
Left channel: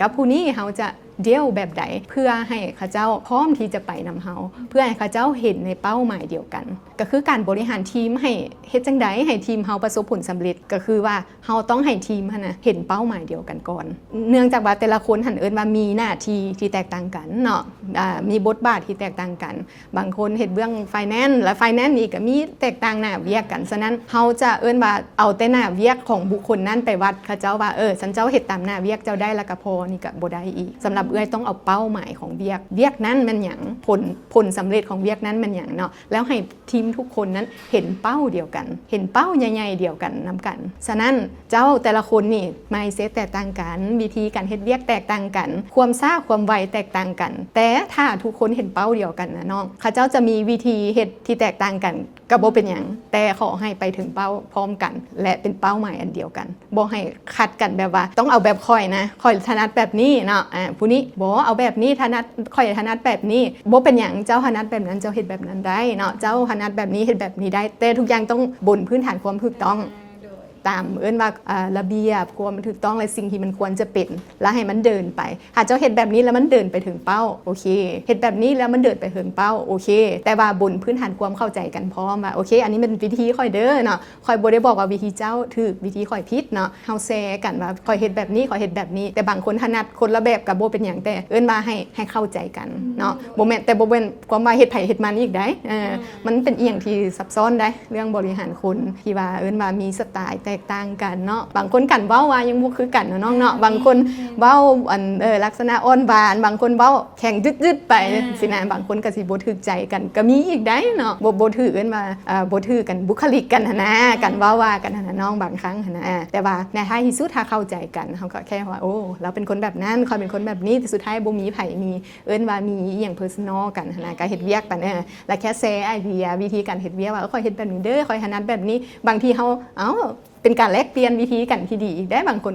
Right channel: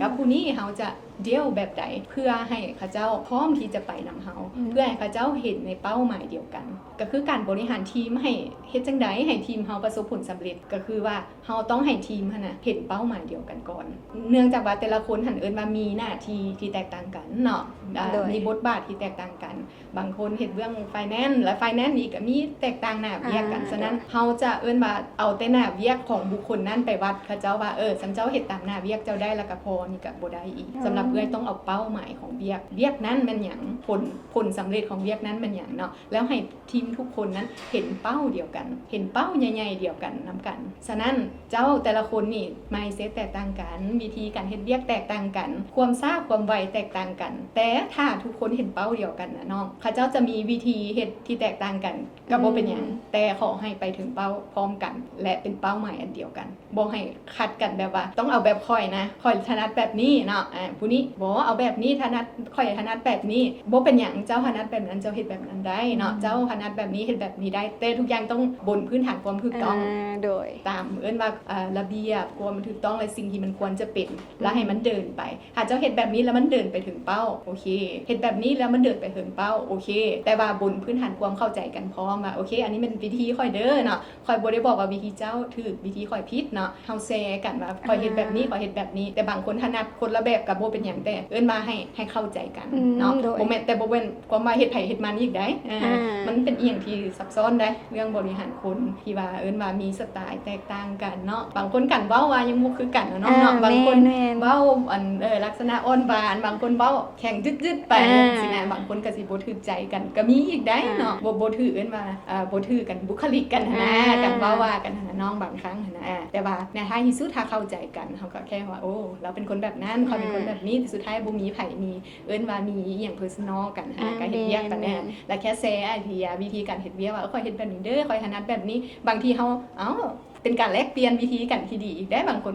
กับผู้นี้เฮาจะเดียวแบบใดเพื่อให้เขาเจ้าพร้อมที่จะไปนำเฮาเพื่อให้เขาเจ้าเห็นในเป้าหมายเดียวกันก็คือการบริหารทีมให้เฮ็ดจังใดให้ทีมเฮาประสบผลสำเร็จก็คือว่าเฮาต้องให้ทีมนะเห็นเป้าหมายเดียวกันก่อนเนื่องจากว่าแต่ละคนหันเอิ้นว่ามีหน้าที่ที่แตกต่างกันเนาะมีบทบาทที่แตกต่างกันบางคนเฮ็ดเบื้องไฟแนนซ์และไฟแนนซ์นี่ก็มีแตกต่างหน้าเวียกกันฉะนั้นเฮาจะเอิ้นว่าเอาแต่หน้าเวียกของบุคคลนั้นไปวัดเขาเจ้าว่าฉันเจ้าเฮ็ดตามหน้าเวียกเจ้าได้แล้วก็พอนี่ก็บ่ได้อีกสำหรับเอ้ยต้องเอาเป้าหมายของเวียกนั้นมันหยังผลสำเร็จของเวียกนั้นมันหยังเนาะแล้วให้ทีมทุกคนนั้นเห็นเป้าเดียวกันเห็นเป้าใหญ่ๆเดียวกันนำกันฉะนั้นเจ้าแต่ละคนนี่ mindset แตกต่างกันวิธีการเฮ็ดเวียกแตกต่างกันความช้าความไวแตกต่างกันแต่ถ้าทุกคนเห็นเป้าเดียวกันนะน้องเขาเจ้าจะมีวิธีเฮ็ดที่แตกต่างกันก็บ่เป็นหยังแต่ขอให้ไปถึงเป้าพร้อมกันและเป็นเป้าหมายอันเดียวกันบ่ให้ขัดกันแบบว่าต้องเอาแบบค่อยนะค่อยถนัดแบบนี้เนาะผู้นี้บ่เอาแบบนี้ถนัดค่อยถนัดแบบนี้บ่เป็นหยังเจ้าถนัดแบบนั้นเจ้าเฮ็ดแบบนั้นได้เนาะเจ้าถนัดแบบนี้เฮ็ดแบบนี้ได้แต่ทุกอย่างต้องบนพื้นฐานความถูกต้องโดยตามเอิ้นว่าระเบียบความถูกต้องและสิ่งที่มันควรจะเป็นแล้วให้มันเดินไปหากเจ้าเฮ็ดแบบนี้แล้วมันเดินไปถึงเป้าโอเคเฮ็ดแบบนี้แล้วมันเดินไปถึงเป้าโอเคแต่ว่าบนพื้นฐานความเข้าใจกันพร้อมว่าโอเคอันนี้เป็นวิธีค่อยเด้อเนาะค่อยบ่ได้บอกว่าวิธีเจ้าถูกวิธีค่อยผิดเนาะเฮาแชร์กันว่าค่อยเฮ็ดแบบนี้ค่อยเฮ็ดแบบนี้แต่บางคนถนัดคนละแบบก็บ่เป็นหยังแต่เอิ้นว่าให้เข้าใจกันเนาะบ่แม่นแต่บ่เป็นความว่าเฮ็ดไผเฮ็ดมันอีกได้มันเป็นอีหยังที่ซับซ้อนได้เรื่องบริหารคนที่ว่าเอิ้นว่ามีสไตล์แตกต่างกันเนาะบางคนกันเว้าว่ายังบ่คือกันเนาะเนาะบางคนเว้าลักษณะอ่อนหวานบางคนเว้าแข็งดึดๆไปสินะบางคนก็สิบ่ถูกใจกันก็มีอีกได้เนาะบ่ถือเอิ้นว่าบ่ถือกันบุคลิกกันนะกันว่ากันนะน้องบางครั้งนะแต่ว่าในท้ายที่สุดถ้าเข้าใจกันเฮาก็แค่ว่าโอ้เราเป็นคนแบบนั้นเขาเป็นคนแบบนี้แต่สุดท้ายบ่มีไผมีเอิ้นว่ามีอีหยัง personal กันนะก็เฮ็ดเวียกกันแล้วแค่แชร์ไอเดียวิธีการเฮ็ดเวียกว่าค่อยเฮ็ดแบบนี้เด้อค่อยถนัดแบบนี้บางทีเฮาเป็นการแลกเปลี่ยนวิธีกันที่ดีอีกได้บางคน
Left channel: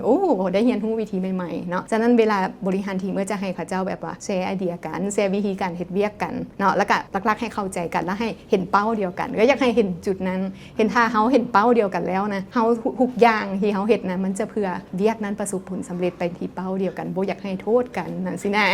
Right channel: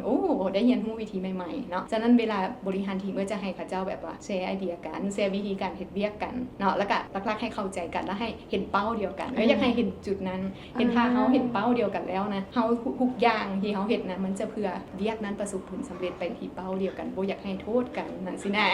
ได้เรียนรู้วิธีใหม่ๆเนาะฉะนั้นเวลาบริหารทีมก็จะให้เขาเจ้าแบบว่าแชร์ไอเดียกันแชร์วิธีการเฮ็ดเวียกกันเนาะแล้วก็หลักๆให้เข้าใจกันแล้วให้เห็นเป้าเดียวกันก็อยากให้เห็นจุดนั้นเห็นถ้าเฮาเห็นเป้าเดียวกันแล้วนะเฮาทุกอย่างที่เฮาเฮ็ดนั้นมันจะเพื่อเวียกนั้นประสบผลสำเร็จไปที่เป้าเดียวกันบ่อยากให้โทษกันนั่นสินะ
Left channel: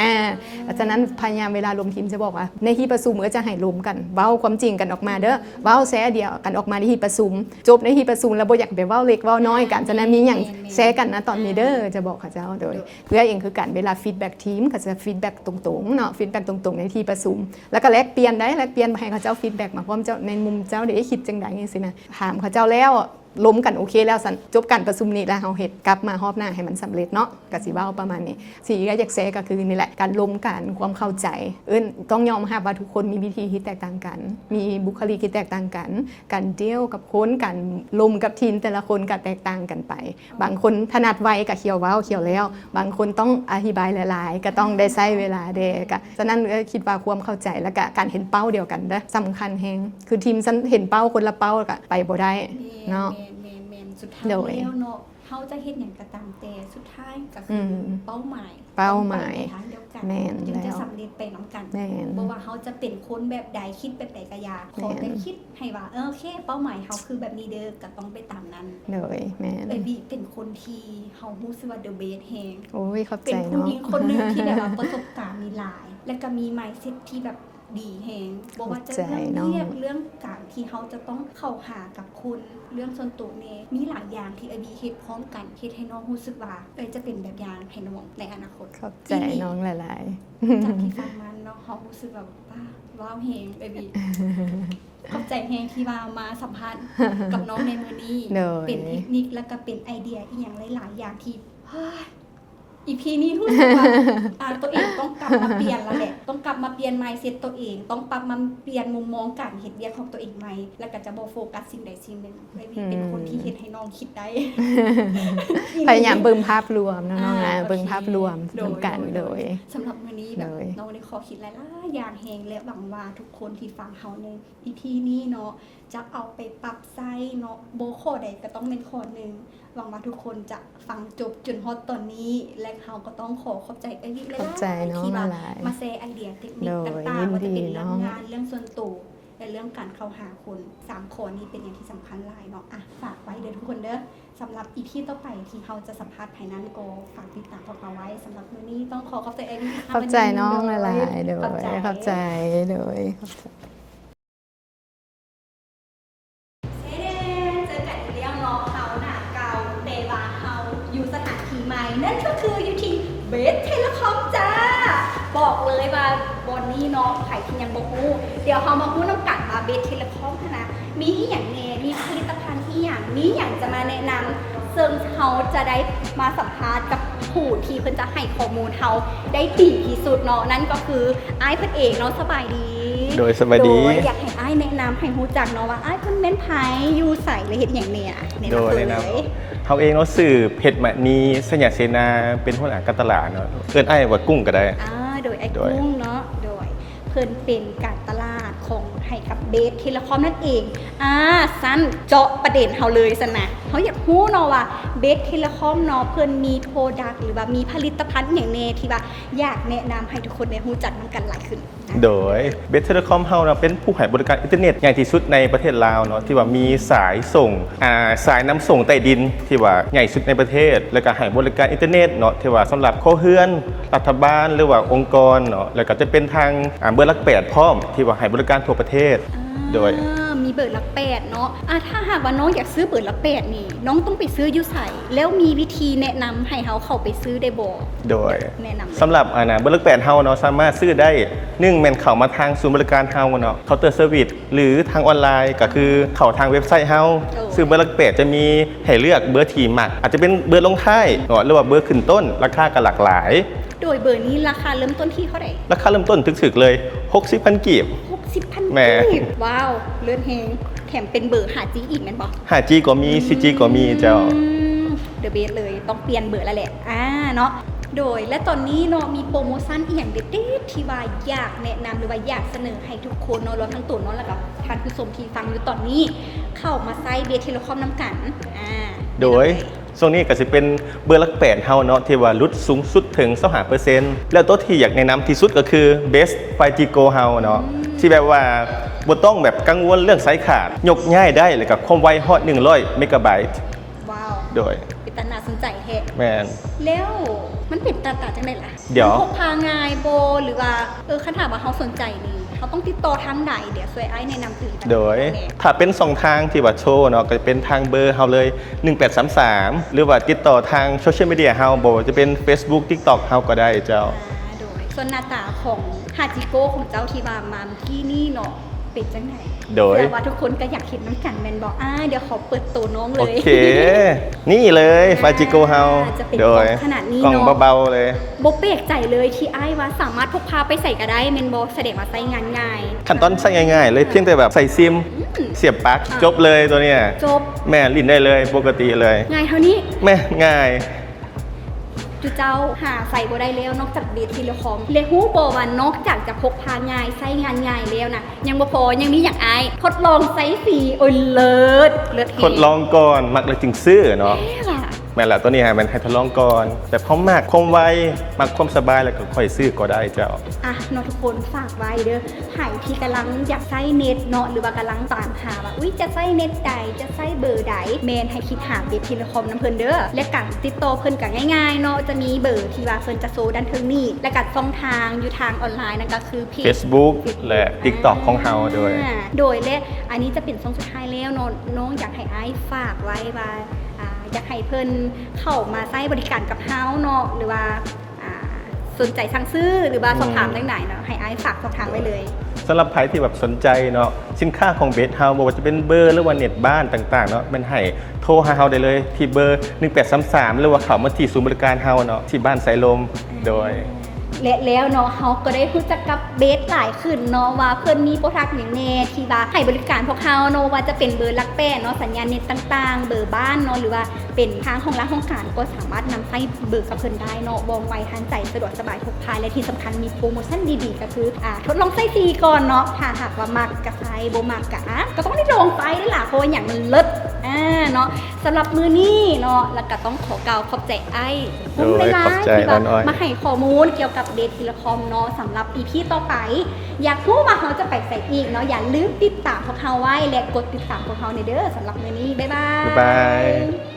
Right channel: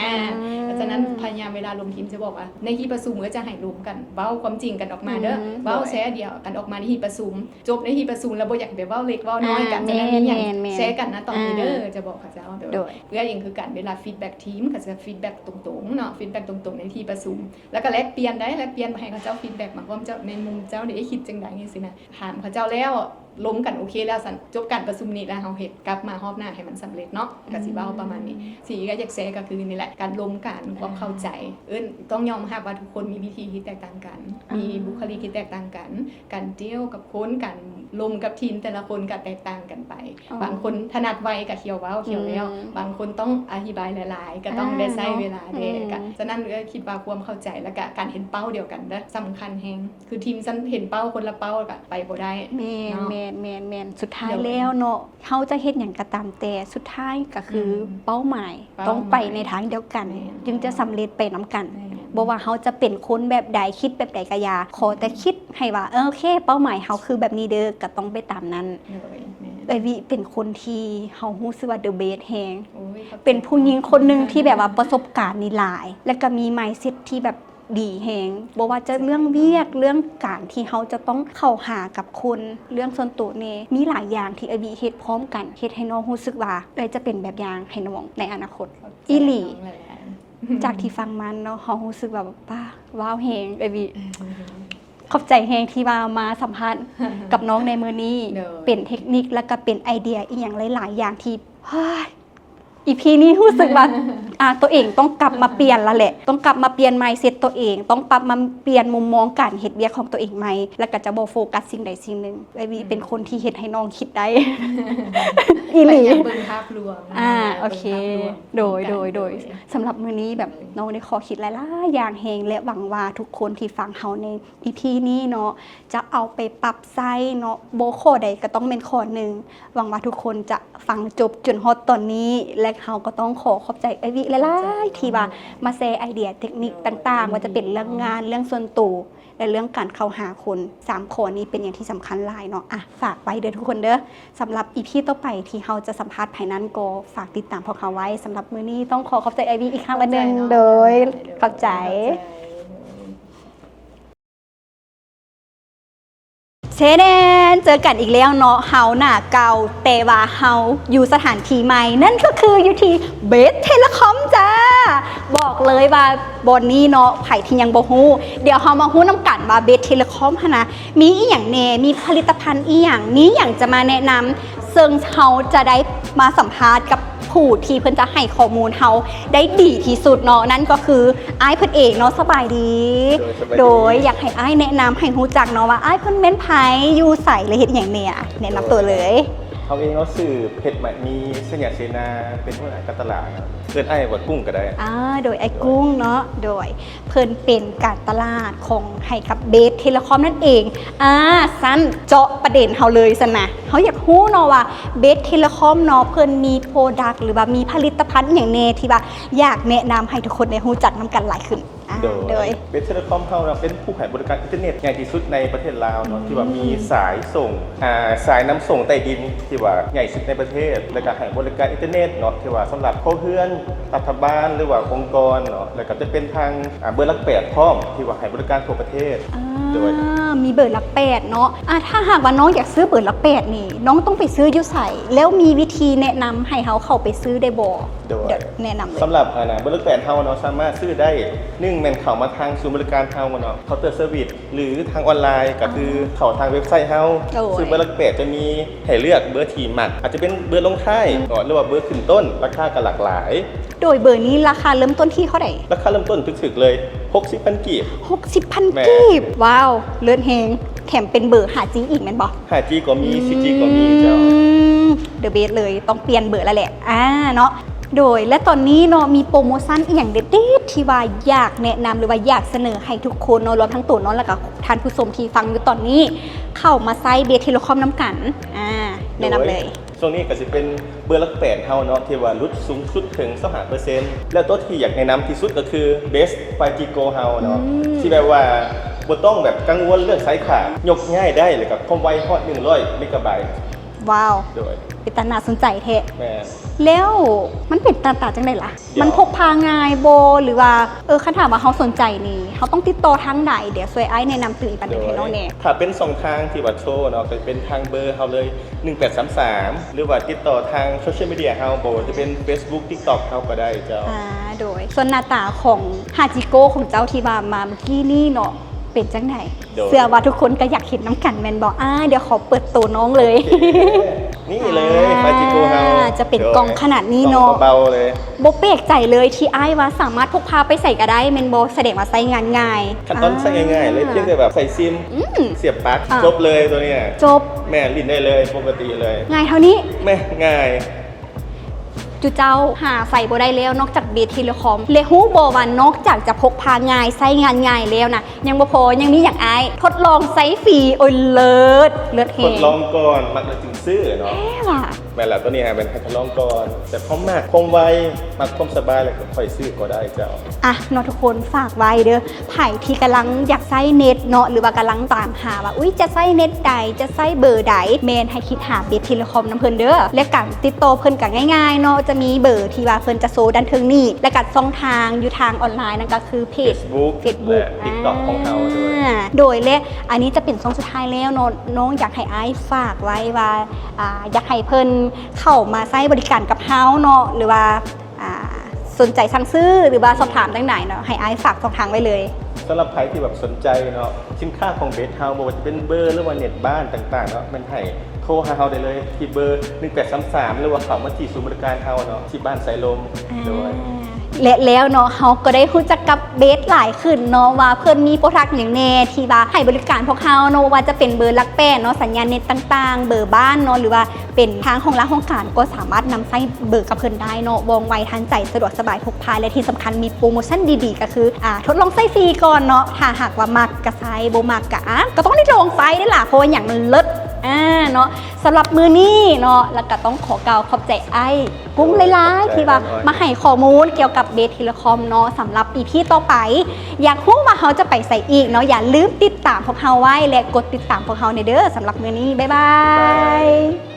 ฉะนั้นพยายามเวลาลมทีมจะบอกว่าในที่ประชุมก็จะให้รวมกันเว้าความจริงกันออกมาเด้อเว้าแชร์เดียวกันออกมาในที่ประชุมจบในที่ประชุมแล้วบ่อยากไปเว้าเล็กเว้าน้อยกันจะได้มีอย่างแชร์กันนะตอนนี้เด้อจะบอกเขาเจ้าโดยเพื่อเองคือการเวลาฟีดแบ็กทีมก็จะฟีดแบ็กตรงๆเนาะฟีดแบ็กตรงๆในที่ประชุมแล้วก็แลกเปลี่ยนได้แลกเปลี่ยนให้เขาเจ้าฟีดแบ็กมาพร้อมเจ้าในมุมเจ้าได้คิดจังได๋จังซี่นะถามเขาเจ้าแล้วล้มกันโอเคแล้วสันจบการประชุมนี้แล้วเฮาเฮ็ดกลับมารอบหน้าให้มันสำเร็จเนาะก็สิเว้าประมาณนี้สิ่งที่อยากแชร์ก็คือนี่แหละการล้มกันความเข้าใจต้องยอมรับว่าทุกคนมีวิธีที่แตกต่างกันมีบุคลิกที่แตกต่างกันการเดียวกับคนการล้มกับทีมแต่ละคนก็แตกต่างกันไปบางคนถนัดไวก็เขียวเว้าเขียวแล้วบางคนต้องอธิบายหลายๆก็ต้องได้ใช้เวลาเด้ก็ฉะนั้นคิดว่าความเข้าใจและก็การเห็นเป้าเดียวกันเด้อสำคัญแฮงคือทีมเห็นเป้าคนละเป้าก็ไปบ่ได้เนาะแมนสุดท้ายแล้วเนาะเขาจะเฮ็ดอย่างกระตามแต่สุดท้ายก็คือเป้าหมายต้องไปในทางเดียวกันจึงจะสำเร็จไปน้ำกันบ่ว่าเขาจะเป็นคนแบบใดคิดแบบใดก็อย่าขอแต่คิดให้ว่าโอเคเป้าหมายเขาคือแบบนี้เด้อก็ต้องไปตามนั้นเลยแม่วิเป็นคนที่เขารู้สึกว่า the best แฮงโอ้ยเป็นผู้หญิงคนนึงที่แบบว่าประสบการณ์นี่หลายและก็มี mindset ที่แบบ ดีแฮงบ่ว่าจะเรื่องเวียกเรื่องการที่เขาจะต้องเข้าหากับคนเรื่องส่วนตัวเนมีหลายอย่างที่ไอวีเฮ็ดพร้อมกันเฮ็ดให้น้องรู้สึกว่าได้จะเป็นแบบอย่างให้น้องในอนาคต อีหลีน้องหลายๆ จากที่ฟังมันเนาะเขารู้สึกแบบว้าวแฮงไอวีขอบใจแฮงที่มาสัมภาษณ์กับน้องในมื้อนี้เป็นเทคนิคแล้วก็เป็นไอเดียอีกอย่างหลายๆอย่างที่อีพีนี้รู้สึกว่าตัวเองต้องกลับมาเปลี่ยนแล้วแหละต้องกลับมาเปลี่ยน mindset ตัวเองต้องปรับมาเปลี่ยนมุมมองการเฮ็ดเวียกของตัวเองใหม่แล้วก็จะบ่โฟกัสสิ่งใดสิ่งหนึ่งไอวีเป็นคนที่เฮ็ดให้น้องคิดได้พยายามเบิ่งภาพรวมนะเบิ่งภาพรวมโดยสำหรับมื้อนี้แบบน้องได้ขอคิดหลายๆอย่างแฮงและหวังว่าทุกคนที่ฟังเฮาในอีพีนี้เนาะจะเอาไปปรับใช้เนาะบ่ข้อใดก็ต้องเป็นข้อหนึ่งหวังว่าทุกคนจะฟังจบจนฮอดตอนนี้และเขาก็ต้องขอบใจไอวิหลายๆที่มาแชร์ไอเดียเทคนิคต่างๆว่าจะเป็นเรื่องงานเรื่องส่วนตัวและเรื่องการเข้าหาคน3ข้อนี้เป็นอย่างที่สำคัญหลายเนาะฝากไว้เด้อทุกคนเด้อสำหรับอีพีต่อไปที่เขาจะสัมภาษณ์ภายนั้นก็ฝากติดตามพวกเขาไว้สำหรับมื้อนี้ต้องขอบใจไอวิอีกครั้งนึงโดยเข้าใจโดยเชเดนเจอกันอีกแล้วเนาะเฮาหน้าเก่าแต่ว่าเฮาอยู่สถานที่ใหม่นั่นก็คืออยู่ที่เบสเทเลคอมจ้าบอกเลยว่าบนนี้เนาะไผ่ที่ยังบ่ฮู้เดี๋ยวเฮามาฮู้น้ำกันว่าเบสเทเลคอมนะมีอีหยังแน่มีผลิตภัณฑ์อีหยังมีหยังจะมาแนะนำซึ่งเฮาจะได้มาสัมภาษณ์กับผู้ที่เพิ่นจะให้ข้อมูลเฮาได้ดีที่สุดเนาะนั่นก็คืออ้ายเพิ่นเองเนาะสบายดีโดยอยากให้อ้ายแนะนำให้ฮู้จักเนาะว่าอ้ายเพิ่นแม่นไผอยู่ไสและเฮ็ดหยังเนี่ยแนะนำตัวเลยเขาเองเนาะสื่อเพชรมณีสยามเสนาเป็นหัวหน้าการตลาดเนาะเกินไอ้ว่ากุ้งก็ได้โดยไอ้กุ้งเนาะโดยเพิ่นเป็นการตลาดของให้กับเบสเทเลคอมนั่นเองสั้นเจาะประเด็นเฮาเลยซั่นนะเฮาอยากฮู้เนาะว่าเบสเทเลคอมเนาะเพิ่นมีโปรดักต์หรือว่ามีผลิตภัณฑ์อย่างแน่ที่ว่าอยากแนะนำให้ทุกคนได้ฮู้จักนำกันหลายขึ้นโดยเบสเทเลคอมเฮานะเป็นผู้ให้บริการอินเทอร์เน็ตใหญ่ที่สุดในประเทศลาวเนาะที่ว่ามีสายส่งสายน้ำส่งใต้ดินที่ว่าใหญ่สุดในประเทศแล้วก็ให้บริการอินเทอร์เน็ตเนาะที่ว่าสำหรับครัวเรือนรัฐบาลหรือว่าองค์กรเนาะแล้วก็จะเป็นทางเบอร์หลัก8พร้อมที่ว่าให้บริการทั่วประเทศโดยมีเบอร์หลัก8เนาะถ้าหากว่าน้องอยากซื้อเบอร์หลัก8นี่น้องต้องไปซื้ออยู่ไสแล้วมีวิธีแนะนำให้เขาเข้าไปซื้อได้บ่โดยแนะนำสำหรับเบอร์หลัก8เฮาเนาะสามารถซื้อได้1แม่นเข้ามาทางศูนย์บริการเฮาเนาะเคาน์เตอร์เซอร์วิสหรือทางออนไลน์ก็คือเข้าทางเว็บไซต์เฮาซื้อเบอร์หลัก8จะมีให้เลือกเบอร์ที่มักอาจจะเป็นเบอร์ลงท้ายหรือว่าเบอร์ขึ้นต้นราคาก็หลากหลายโดยเบอร์นี้ราคาเริ่มต้นที่เท่าไหร่ราคาเริ่มต้นถึกๆเลย 60,000 กีบ 60,000 กีบว้าวเลิศแฮงแถมเป็นเบอร์ 5G อีกแม่นบ่ 5G ก็มี 4G ก็มีเจ้าเดอะเบสเลยต้องเปลี่ยนเบอร์แล้วแหละเนาะโดยและตอนนี้เนาะมีโปรโมชั่นอีกอย่างเด็ดๆที่ว่าอยากแนะนำหรือว่าอยากเสนอให้ทุกคนเนาะรวมทั้งตัวน้องแล้วก็ท่านผู้ชมที่ฟังอยู่ตอนนี้เข้ามาใช้เบสเทเลคอมน้ำกันโดยช่วงนี้ก็จะเป็นเบอร์หลัก8เฮาเนาะที่ว่าลดสูงสุดถึง 25% แล้วตัวที่อยากแนะนำที่สุดก็คือ Best 5G Go เฮาเนาะที่แบบว่าบ่ต้องแบบกังวลเรื่องสายขาดยกง่ายได้เลยกับความไวฮอด100 เมกะไบต์ว้าวโดยเป็นตาน่าสนใจแท้แม่นแล้วมันเป็นตาจังได๋ล่ะมันพกพาง่ายบ่หรือว่าคันถามว่าเฮาสนใจนี่เฮาต้องติดต่อทางไหนเดี๋ยวช่วยอ้ายแนะนำตื่นกันโดยถ้าเป็น2ทางที่ว่าโชว์เนาะก็จะเป็นทางเบอร์เฮาเลย1833หรือว่าติดต่อทางโซเชียลมีเดียเฮาบ่จะเป็น Facebook TikTok เฮาก็ได้เจ้าโดยส่วนหน้าตาของฮาจิโกะของเจ้าที่ว่ามาเมื่อกี้นี่เนาะเป็นจังไหนเสื้อว่าทุกคนก็อยากเห็นน้ำกันแมนบอกเดี๋ยวขอเปิดตัวน้องเลยโอเคนี่เลยฟาจิโกเฮาจะเป็นกล่องขนาดนี้เนาะเบาๆเลยโบเปกใจเลยที่อ้ายว่าสามารถพกพาไปใส่ก็ได้แมนโบแสดงว่าใส่งานง่ายขั้นตอนใส่ง่ายๆเลยเพียงแต่แบบใส่ซิมเสียบปลั๊กจบเลยตัวเนี้ยจบแม่ลิ้นได้เลยปกติเลยง่ายเท่านี้แม่ง่ายจุเจ้าหาใส่บ่ได้แล้วนอกจากเบสเทเลคอมเลฮู้บ่ว่านอกจากจะพกพาง่ายใช้งานง่ายแล้วนะยังบ่พอยังมีอย่างอ้ายทดลองใช้ฟรีโอ้ยเลิศทดลองก่อนมักเลยจึงซื้อเนาะ แม่นละตัวนี้ฮะมันให้ทดลองก่อนแต่พร้อมมากคมไวมากความสบายแล้วก็ค่อยซื้อก็ได้เจ้า อ่ะเนาะทุกคนฝากไว้เด้อไผ่ที่กำลังอยากใช้เน็ตเนาะหรือว่ากำลังตามหาว่าอุ้ยจะใช้เน็ตใดจะใช้เบอร์ใดเมนให้คิดหาเบสเทเลคอมน้ำเพิ่นเด้อและการติดต่อเพิ่นกันง่ายๆเนาะจะมีเบอร์ที่ว่าเพิ่นจะโซดันเทิงนี่และกัดช่องทางอยู่ทางออนไลน์นั่นก็คือเพจ Facebook และ TikTok ของเฮาด้วย โดยและอันนี้จะเป็นช่องสุดท้ายแล้วเนาะน้องอยากให้ไอ้ายฝากไว้ว่าอยากให้เพิ่นเข้ามาใช้บริการกับเฮาเนาะหรือว่าสนใจสั่งซื้อหรือว่าสอบถามต่างๆเนาะให้ไอ้ายฝากช่องทางไว้เลย สำหรับใครที่แบบสนใจเนาะสินค้าของเบสเฮาบอกว่าจะเป็นเบอร์หรือว่าเน็ตบ้านต่างๆเนาะมันให้โทรหาเฮาได้เลยที่เบอร์1833หรือว่าเข้ามาที่ศูนย์บริการเฮาเนาะที่บ้านสายลมโดย และแล้วเนาะเฮาก็ได้รู้จักกับเบสหลายขึ้นเนาะว่าเพิ่นมีโปรดักต์อย่างแน่ที่ว่าให้บริการพวกเฮาเนาะว่าจะเป็นเบอร์ลักแป้นเนาะสัญญาณเน็ตต่างๆ เบอร์บ้านเนาะหรือว่าเป็นทางของร้านของการก็สามารถนำใช้เบอร์กับเพิ่นได้เนาะว่องไวทันใจสะดวกสบายทุกภายและที่สำคัญมีโปรโมชั่นดีๆก็คือทดลองใช้ฟรีก่อนเนาะถ้าหากว่ามักก็ใช้บ่มักก็ต้องได้ลองใช้ได้ล่ะเพราะว่าอย่างมันเลิศเนาะสำหรับมื้อนี้เนาะแล้วก็ต้องขอกล่าวขอบใจไอ้กุ้งหลายๆที่ว่ามาให้ข้อมูลเกี่ยวกับเบสเทเลคอมเนาะสำหรับEPต่อไปอยากรู้ว่าเขาจะไปใส่อีกเนาะอย่าลืมติดตามพวกเขาไว้และกดติดตามพวกเขาในเด้อสำหรับมื้อนี้บ๊ายบาย